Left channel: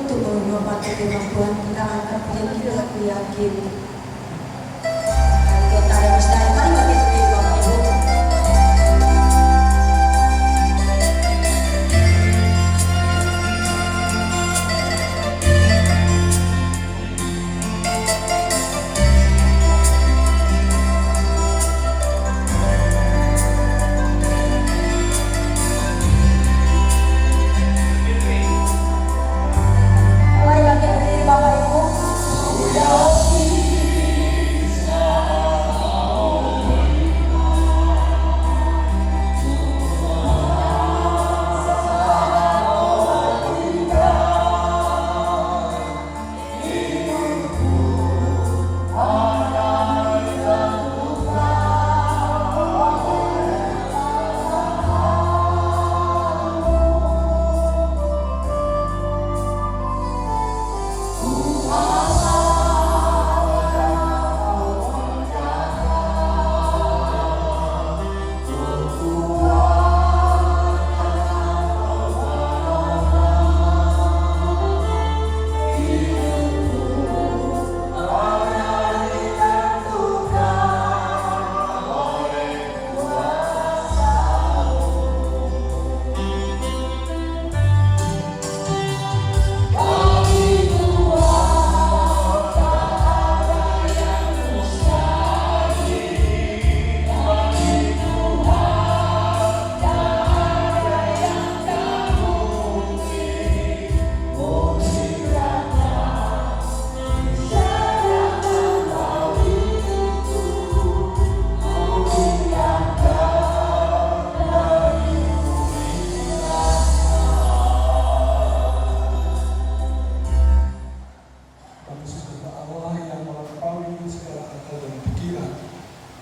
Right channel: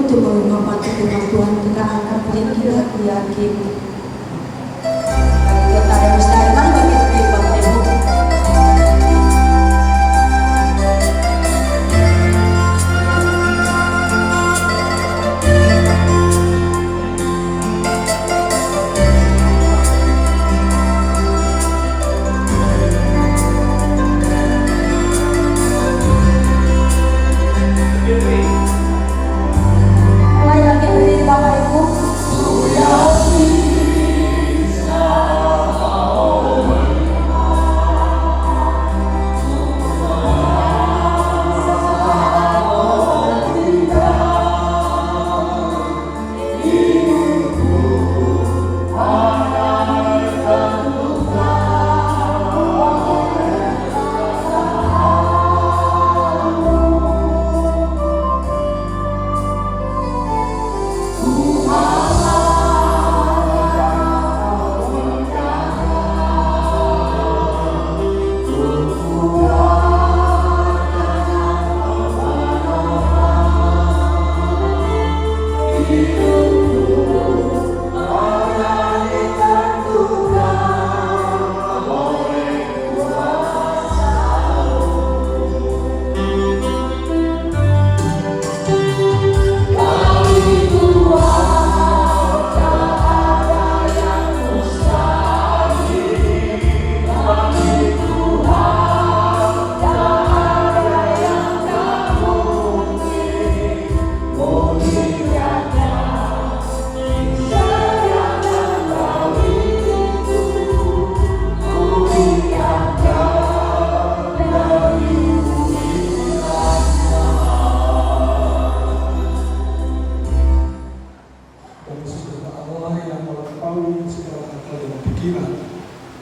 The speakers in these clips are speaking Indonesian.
untuk menghormati firman Tuhan. Kita angkat pujian kita yakin. Kita ada mustahil, mari bagi kita Bapak Ibu.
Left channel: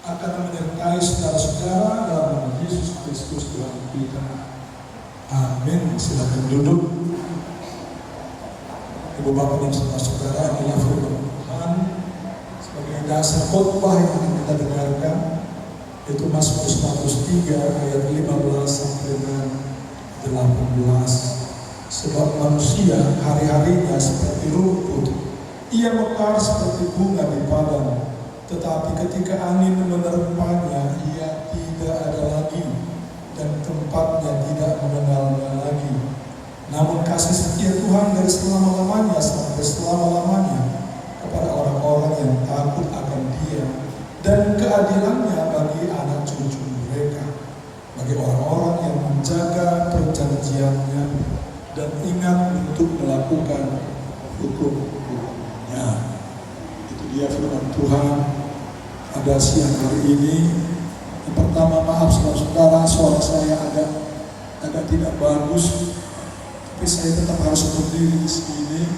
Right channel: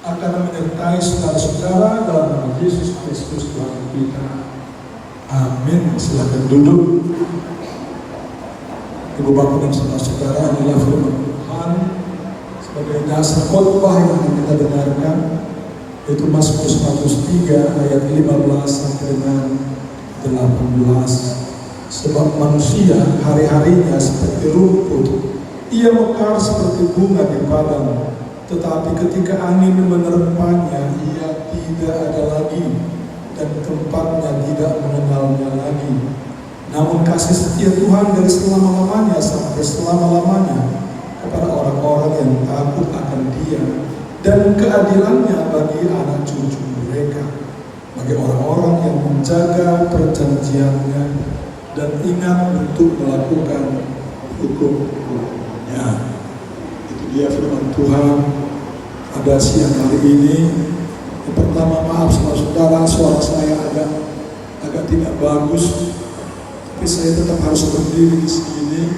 Akan menyertai saudara-saudara dalam nama Yesus Kristus Tuhan kita. Amin. Silakan duduk. Ibu bapak dan saudara-saudara, inilah firman Tuhan sebagai dasar khotbah yang akan kita dengarkan, yaitu Mazmur 103 ayat 15 sampai dengan 18. Sebab manusia hari-harinya seperti rumput, ia mekar seperti bunga di padang, tetapi ketika angin menerpanya, ia tidak ada lagi, dan tempatnya tidak mengenalnya lagi. Namun kasih setia Tuhan dari selama-lamanya sampai selama-lamanya kepada orang-orang yang takut akan Dia, dan keadilannya bagi anak cucu mereka, bagi orang-orang yang menjaga perjanjiannya dan ingat untuk melakukan hukum-hukumnya. Dia firman Tuhan pada siang hari ini. Yang pertama, maaf saudara-saudara, suara saya agak tidak bagus, tapi saya tetap harus berdiri di sini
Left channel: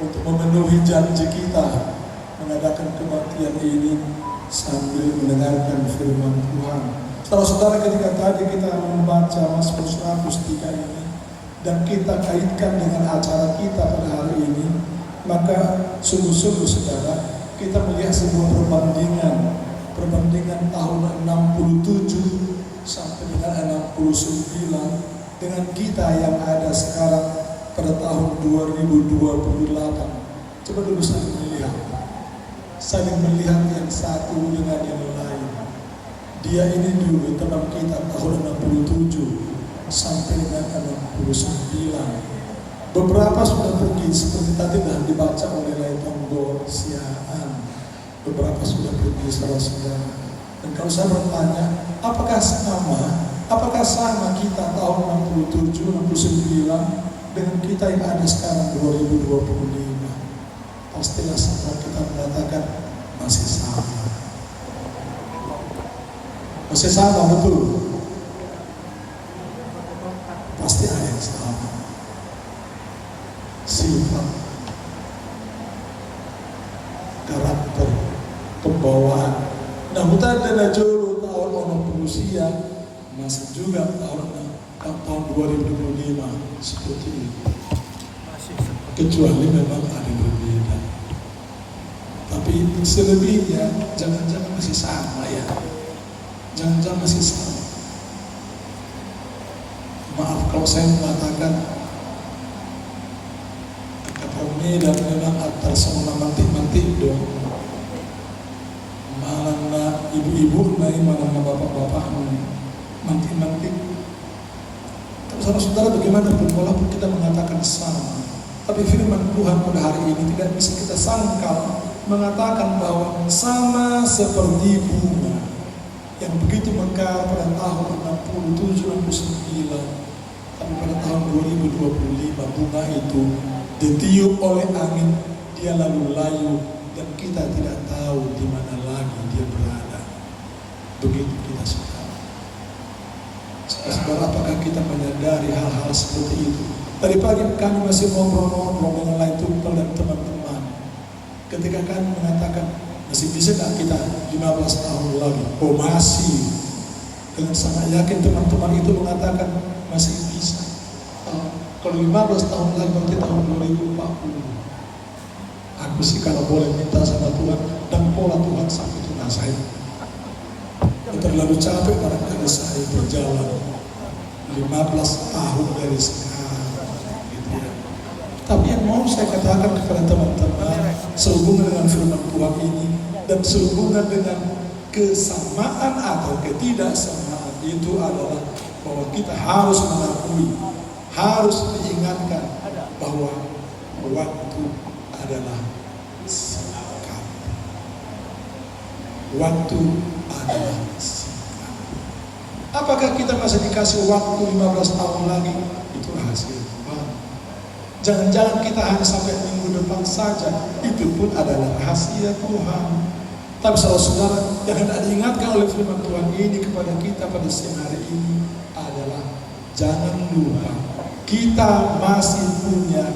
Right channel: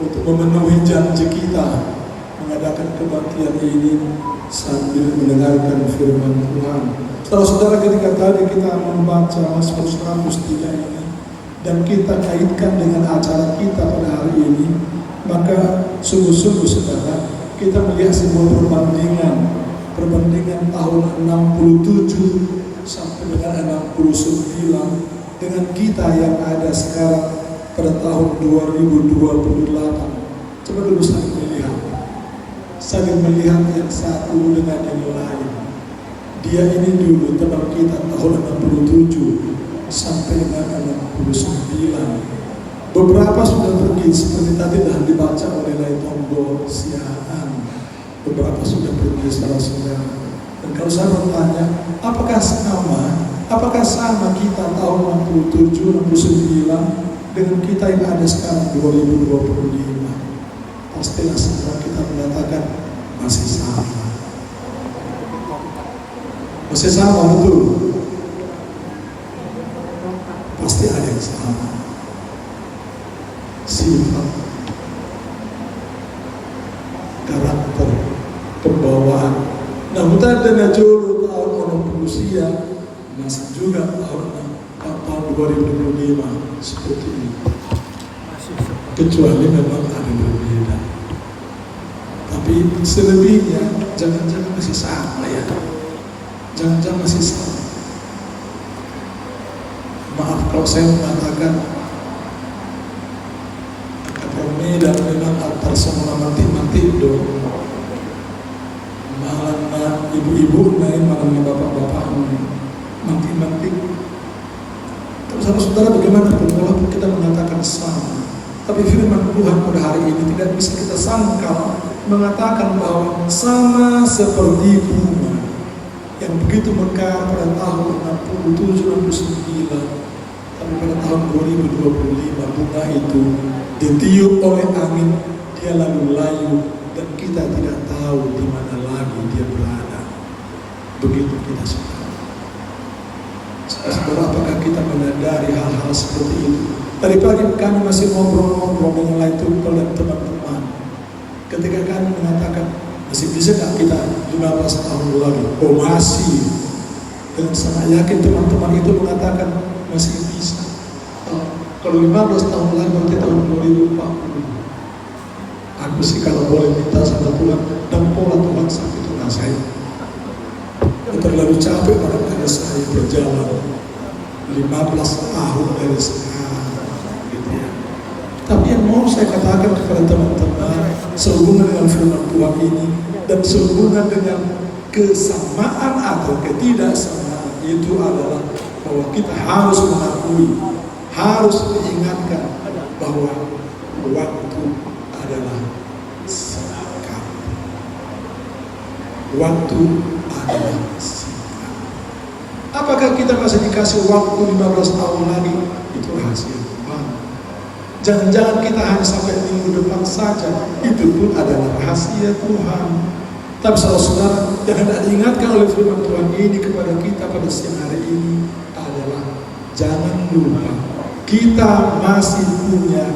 untuk memenuhi janji kita mengadakan kebaktian ini sambil mendengarkan firman Tuhan. Saudara-saudara, ketika tadi kita membaca Mazmur 103 ini dan kita kaitkan dengan acara kita pada hari ini, maka sungguh-sungguh saudara, kita melihat sebuah perbandingan tahun 67 sampai dengan 69 dengan kita yang ada sekarang pada tahun 2028. Coba dulu saling melihat yang satu dengan yang lain. Dia ini dulu teman kita tahun 67 sampai dengan 69. Beberapa sudah pergi seperti tadi dah dibaca oleh Laitongo Siaan. Beberapa sudah pergi saudara-saudara. Dan kalau saya bertanya, apakah sama kita tahun 67, 69 dengan kita yang ada sekarang 2025? Pastilah sekarang kita mengatakan masih sama. Masih sama, betul. Pasti ada yang sama. Sifat, karakter, pembawaan. Nah, kita ada juru tahun orang berusia masih juga tahun 2025 seperti ini. Kecuali memang ada berbeda. Tapi selebihnya jangan-jangan masih sama ya. Jangan-jangan masih sama. Maaf kalau saya mengatakan Nida memang tersama mantik-mantik do. Malah na ibu-ibu naik malah na bapak-bapak mantik-mantik. Tapi saudara, bagaimana walaupun kita mengatakan sama, tapi firman Tuhan pada hari ini tidak bisa kita sangkal mengatakan bahwa sama seperti bunga yang begitu mekar pada tahun 67-69, tapi pada tahun 2025 bunga itu ditiup oleh angin, dia lalu layu dan kita tidak tahu di mana lagi dia berada. Begitu kita sekarang. Saudara, apakah kita menyadari hal-hal seperti itu? Tadi pagi kami masih ngobrol-ngobrol dengan lain teman-teman. Ketika kami mengatakan, masih bisa gak kita 15 tahun lagi? Oh masih. Dengan sangat yakin teman-teman itu mengatakan masih bisa. Kalau 15 tahun lagi berarti tahun 2040. Aku sih kalau boleh minta sama Tuhan dan pola Tuhan sampai itu saya. Terlalu capek barangkali saya berjalan 15 tahun dari sekarang, gitu ya. Tapi yang mau saya katakan kepada teman-teman sehubungan dengan firman Tuhan ini dan sehubungan dengan kesamaan atau ketidaksamaan itu adalah bahwa kita harus mengakui, harus diingatkan bahwa waktu adalah singkat. Waktu adalah singkat. Apakah kita masih dikasih waktu 15 tahun lagi? Itu rahasia Tuhan. Jangan-jangan kita hanya sampai minggu depan saja. Itu pun adalah rahasia Tuhan. Tapi saudara-saudara, yang hendak diingatkan oleh firman Tuhan ini kepada kita pada siang hari ini adalah jangan lupa kita masih punya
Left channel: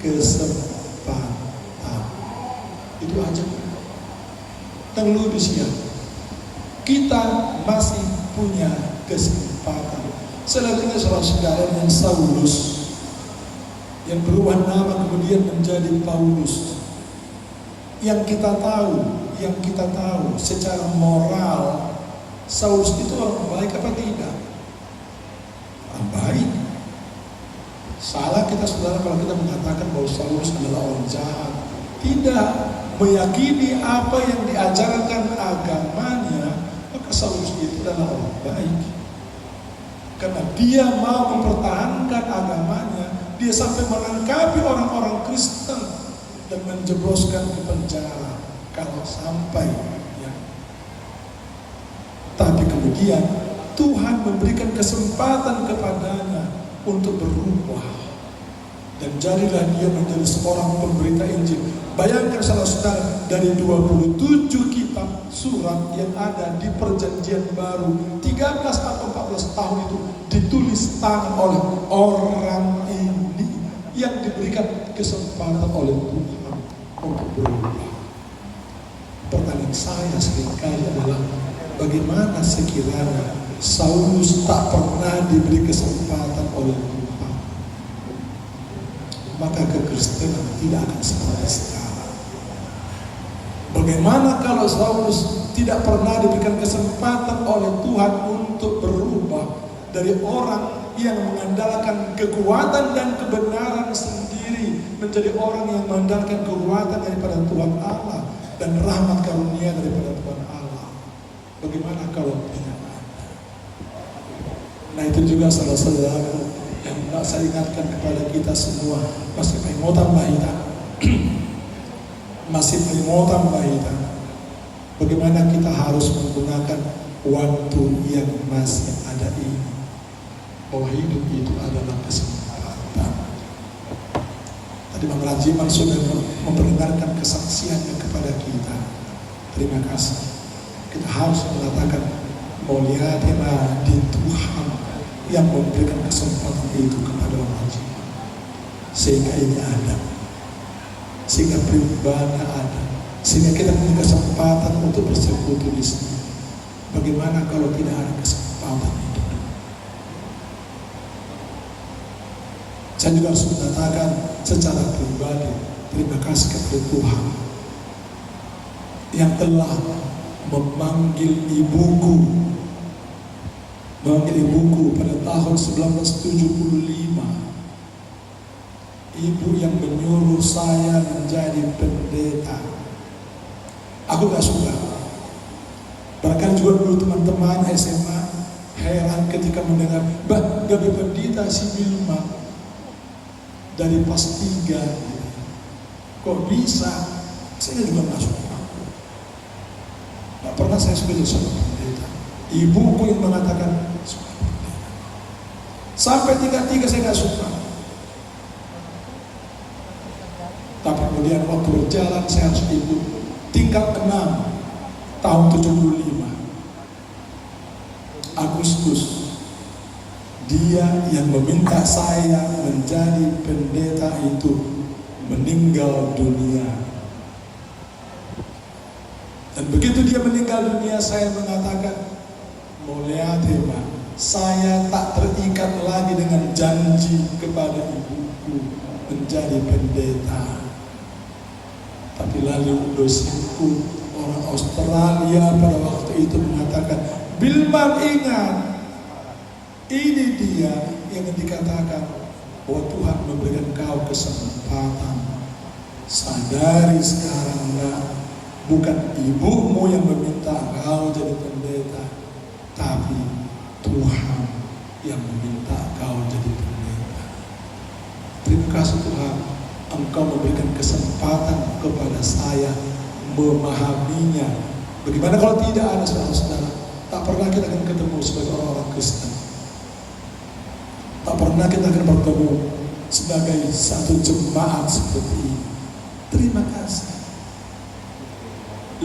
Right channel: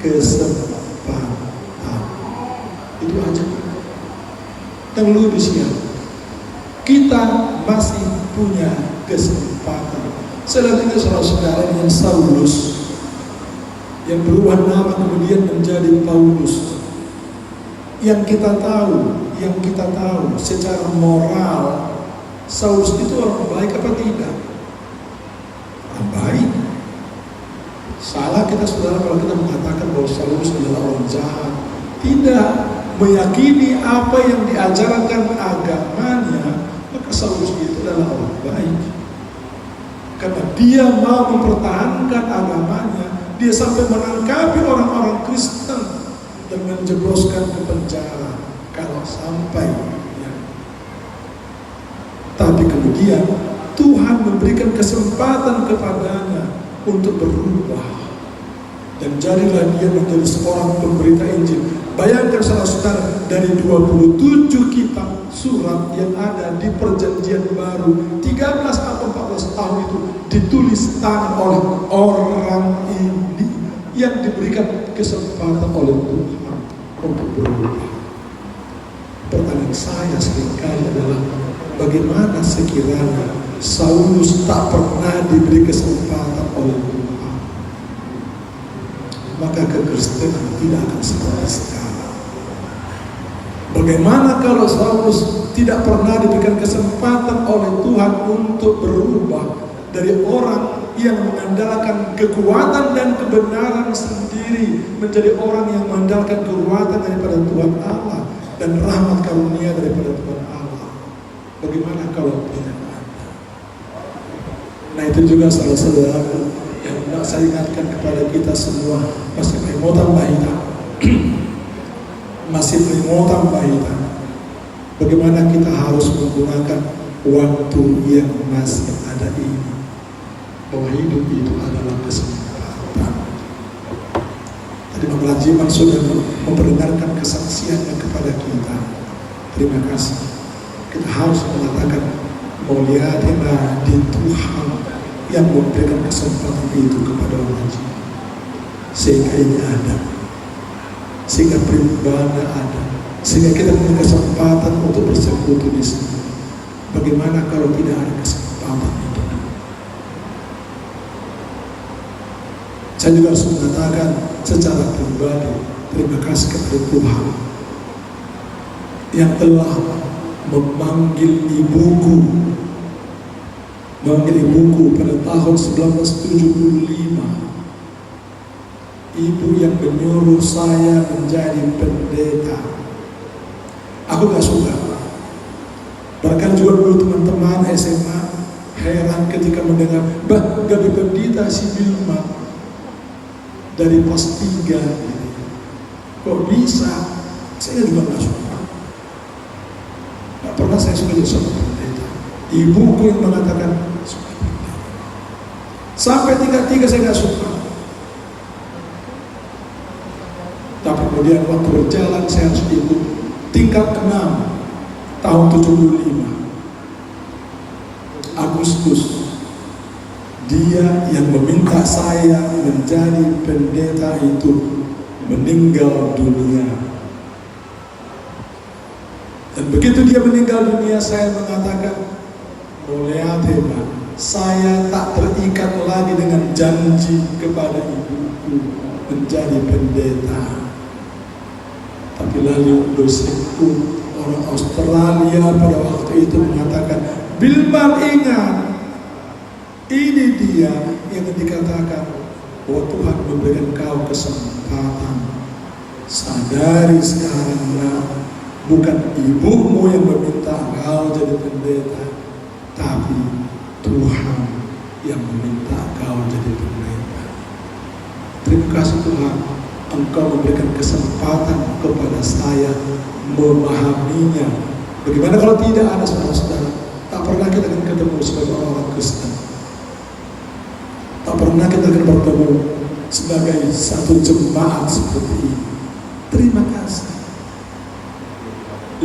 kesempatan. Itu aja. Dan lebih siang, kita masih punya kesempatan. Selanjutnya saudara-saudara, dengan Saulus yang berubah nama kemudian menjadi Paulus. Yang kita tahu secara moral, Saulus itu orang baik apa tidak? Orang baik. Salah kita saudara kalau kita mengatakan bahwa Saulus adalah orang jahat. Tidak meyakini apa yang diajarkan agamanya, maka Saulus itu adalah orang baik. Karena dia mau mempertahankan agamanya, dia sampai menangkapi orang-orang Kristen dan menjebloskan ke penjara kalau sampai ya. Tapi kemudian Tuhan memberikan kesempatan kepadanya untuk berubah dan jadilah dia menjadi seorang pemberita Injil. Bayangkan saudara-saudara, dari 27 kitab surat yang ada di Perjanjian Baru, 13 atau 14 tahun itu ditulis tangan oleh orang ini yang diberikan kesempatan oleh Tuhan untuk berubah. Pertanyaan saya seringkali adalah, bagaimana sekiranya Saulus tak pernah diberi kesempatan oleh Tuhan? Maka kekristenan tidak akan seperti sekarang. Bagaimana kalau Saulus tidak pernah diberikan kesempatan oleh Tuhan untuk berubah dari orang yang mengandalkan kekuatan dan kebenaran sendiri menjadi orang yang mengandalkan kekuatan daripada Tuhan Allah dan rahmat karunia daripada Tuhan Allah? Bagaimana kalau tidak ada? Nah, itu juga saudara-saudara yang hendak saya ingatkan kepada kita semua, masih peringatan bahita. Masih peringatan bahita. Bagaimana kita harus menggunakan waktu yang masih ada ini. Bahwa hidup itu adalah kesempatan. Tadi Bang Rajiman sudah memperdengarkan kesaksiannya kepada kita. Terima kasih. Kita harus mengatakan, muliakanlah di Tuhan yang memberikan kesempatan itu kepada orang Rajiman. Sehingga ini ada. Sehingga pribadi ada, sehingga kita punya kesempatan untuk bersekutu di sini. Bagaimana kalau tidak ada kesempatan itu? Saya juga harus mengatakan secara pribadi, terima kasih kepada Tuhan yang telah memanggil ibuku pada tahun 1975. ibu yang menyuruh saya menjadi pendeta. Aku gak suka. Bahkan juga dulu teman-teman SMA heran ketika mendengar, bah, jadi pendeta si Bilma dari pas 3. Kok bisa? Saya juga gak suka. Gak pernah saya suka jadi seorang pendeta. Ibuku yang mengatakan, sampai tingkat 3 saya gak suka. Tapi kemudian waktu berjalan saya harus ikut tingkat 6 tahun 75 Agustus. Dia yang meminta saya menjadi pendeta itu meninggal dunia. Dan begitu dia meninggal dunia, saya mengatakan, Moleatema, saya tak terikat lagi dengan janji kepada ibuku menjadi pendeta. Tapi lalu dosenku orang Australia pada waktu itu mengatakan, Bilman, ingat, ini dia yang dikatakan bahwa Tuhan memberikan kau kesempatan. Sadari sekarang, bukan ibumu yang meminta kau jadi pendeta, tapi Tuhan yang meminta kau jadi pendeta. Terima kasih Tuhan, Engkau memberikan kesempatan kepada saya memahaminya. Bagaimana kalau tidak ada saudara-saudara? Tak pernah kita akan ketemu sebagai orang Kristen. Tak pernah kita akan bertemu sebagai satu jemaat seperti ini. Terima kasih.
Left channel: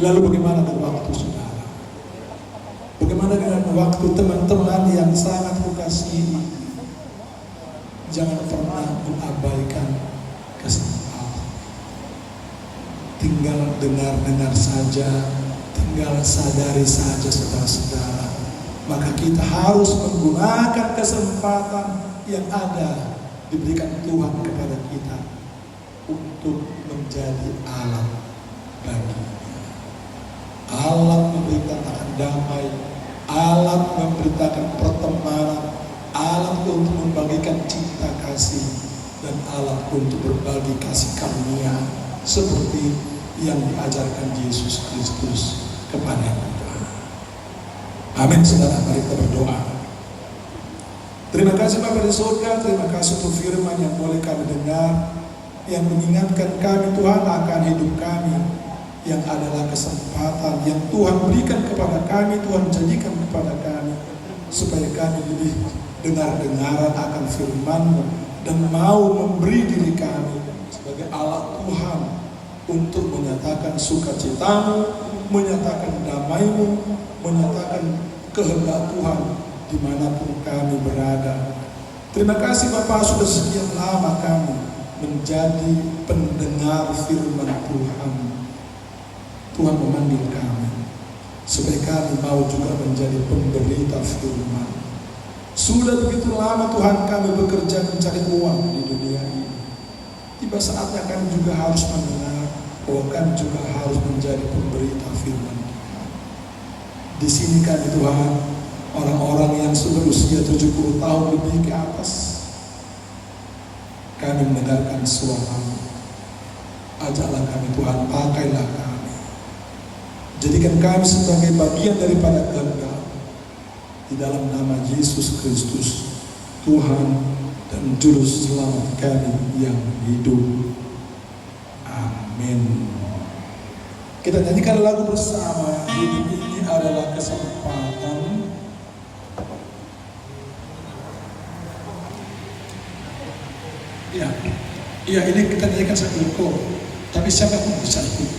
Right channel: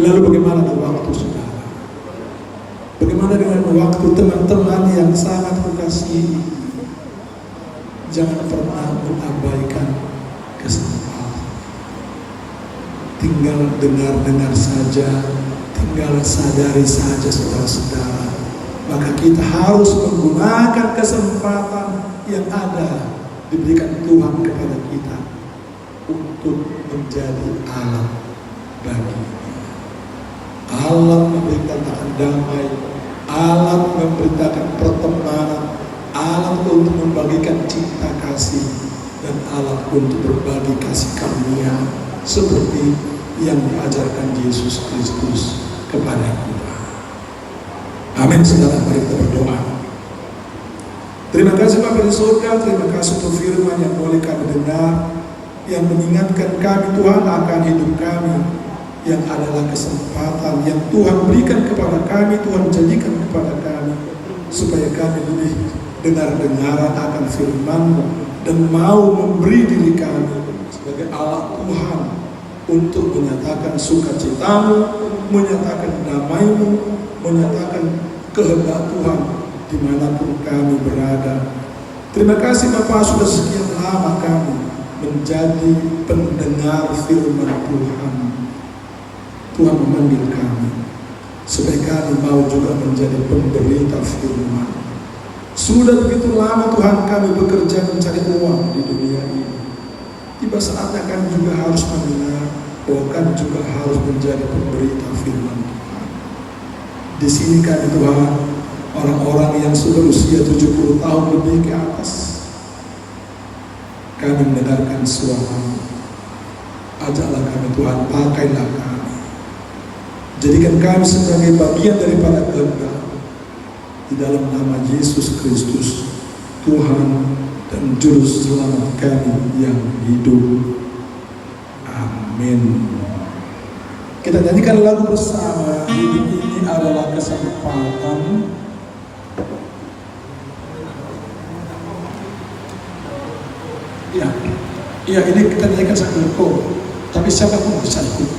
Lalu bagaimana dengan waktu saudara? Bagaimana dengan waktu teman-teman yang sangat kukasihi? Jangan pernah mengabaikan kesempatan. Tinggal dengar-dengar saja, tinggal sadari saja saudara-saudara. Maka kita harus menggunakan kesempatan yang ada diberikan Tuhan kepada kita untuk menjadi alat baginya. Alat memberitakan damai, alat memberitakan pertemanan, alat untuk membagikan cinta kasih, dan alat untuk berbagi kasih karunia seperti yang diajarkan Yesus Kristus kepada kita. Amin. Saudara, mari kita berdoa. Terima kasih Bapa di surga, terima kasih untuk firman yang boleh kami dengar, yang mengingatkan kami Tuhan akan hidup kami, yang adalah kesempatan yang Tuhan berikan kepada kami, Tuhan jadikan kepada kami, supaya kami lebih dengar-dengaran akan firman-Mu dan mau memberi diri kami sebagai alat Tuhan untuk menyatakan sukacita-Mu, menyatakan damai-Mu, menyatakan kehendak Tuhan dimanapun kami berada. Terima kasih Bapa, sudah sekian lama kami menjadi pendengar firman Tuhan. Tuhan memanggil kami supaya kami mau juga menjadi pemberita firman. Sudah begitu lama Tuhan kami bekerja mencari uang di dunia ini. Tiba saatnya kami juga harus mendengar bahwa kami juga harus menjadi pemberita firman Tuhan. Di sini kami Tuhan, orang-orang yang sudah usia 70 tahun lebih ke atas, kami mendengarkan suara-Mu. Ajaklah kami Tuhan, pakailah kami. Jadikan kami sebagai bagian daripada kehendak. Di dalam nama Yesus Kristus, Tuhan dan Juru Selamat kami yang hidup. Amin. Kita nyanyikan lagu bersama. Hidup ini adalah kesempatan. Ya, ini kita nyanyikan sambil kor. Tapi siapapun bisa ikut.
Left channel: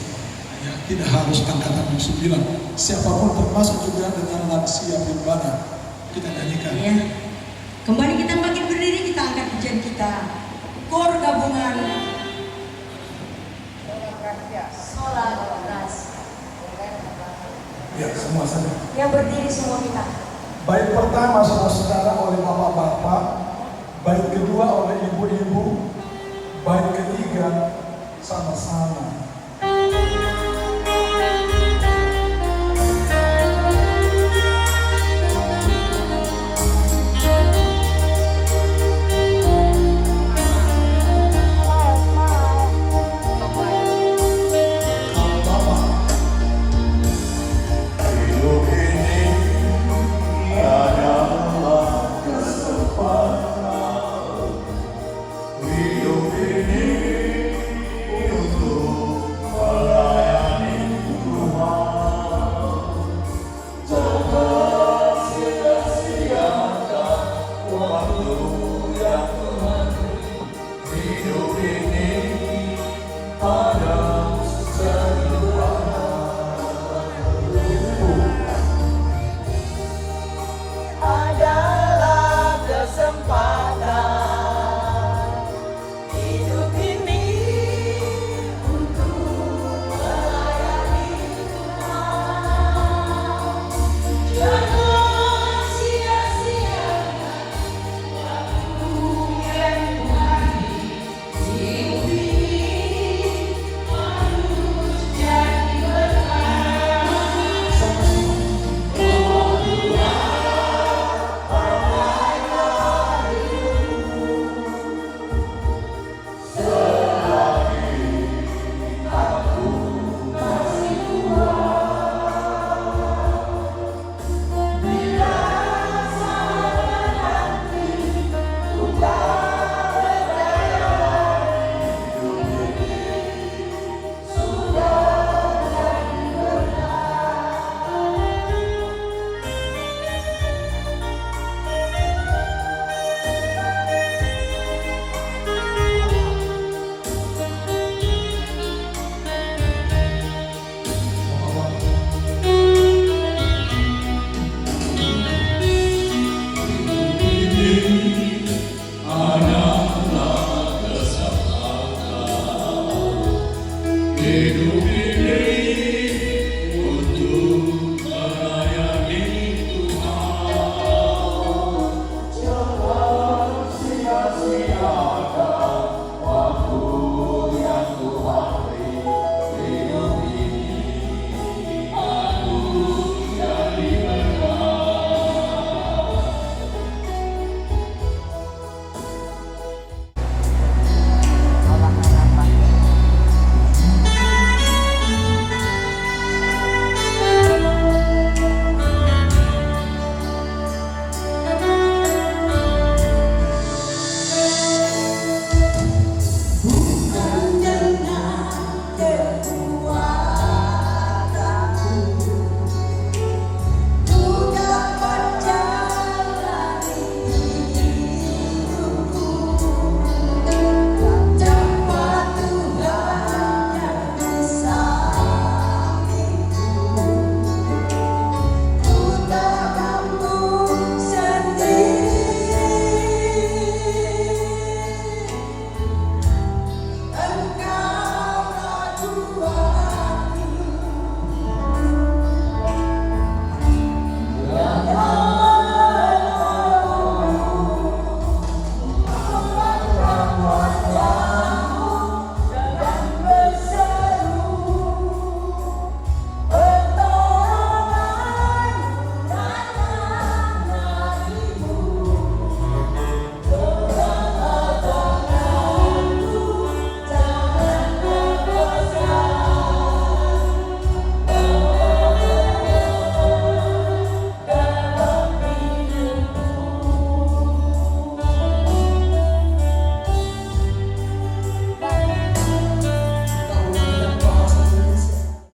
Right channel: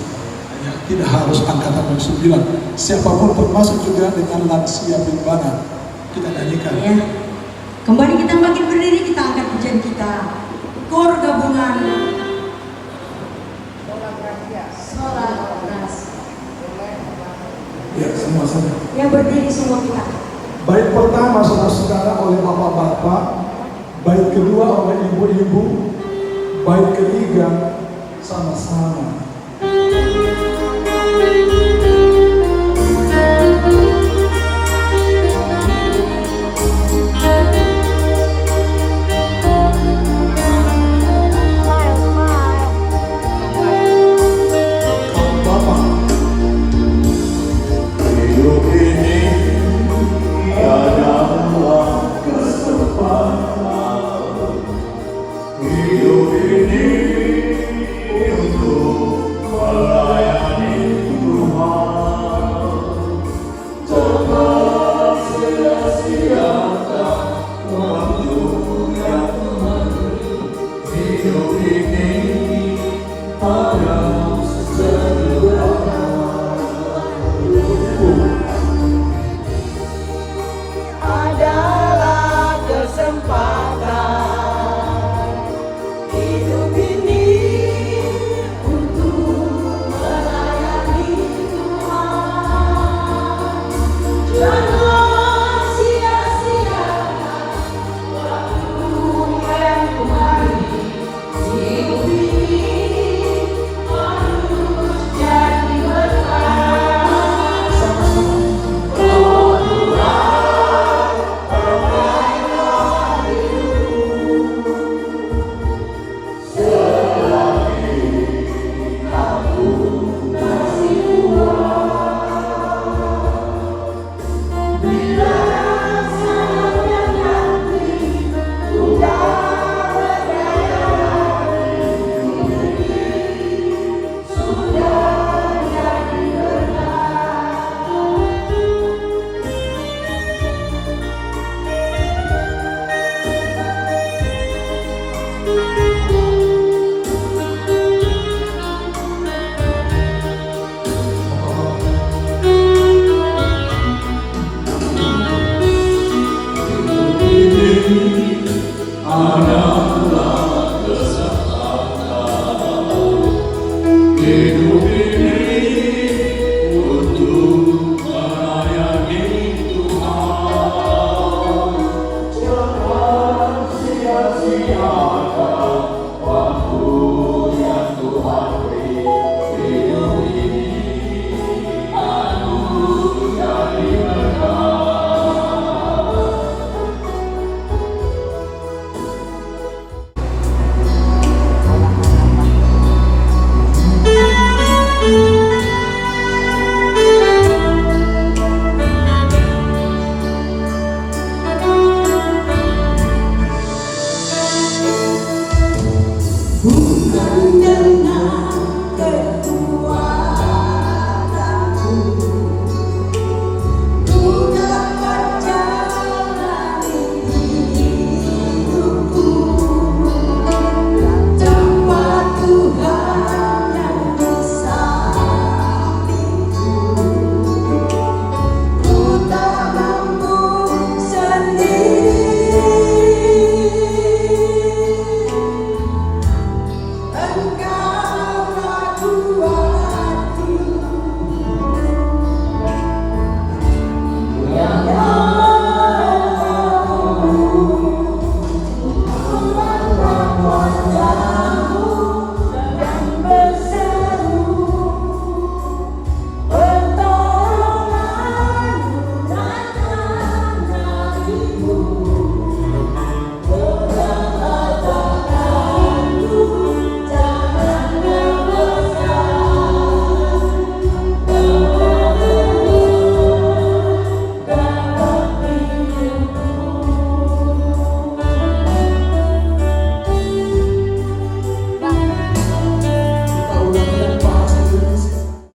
Ya, tidak harus angkatan 9. Siapapun termasuk juga dengan lansia bilbana. Kita nyanyikan. Ya. Kembali kita bangkit berdiri, kita angkat pujian kita. Kor gabungan. Ya, semua saja. Ya, berdiri semua kita. Bait pertama saudara-saudara oleh bapak-bapak, bait kedua oleh ibu-ibu, bait ketiga sama-sama.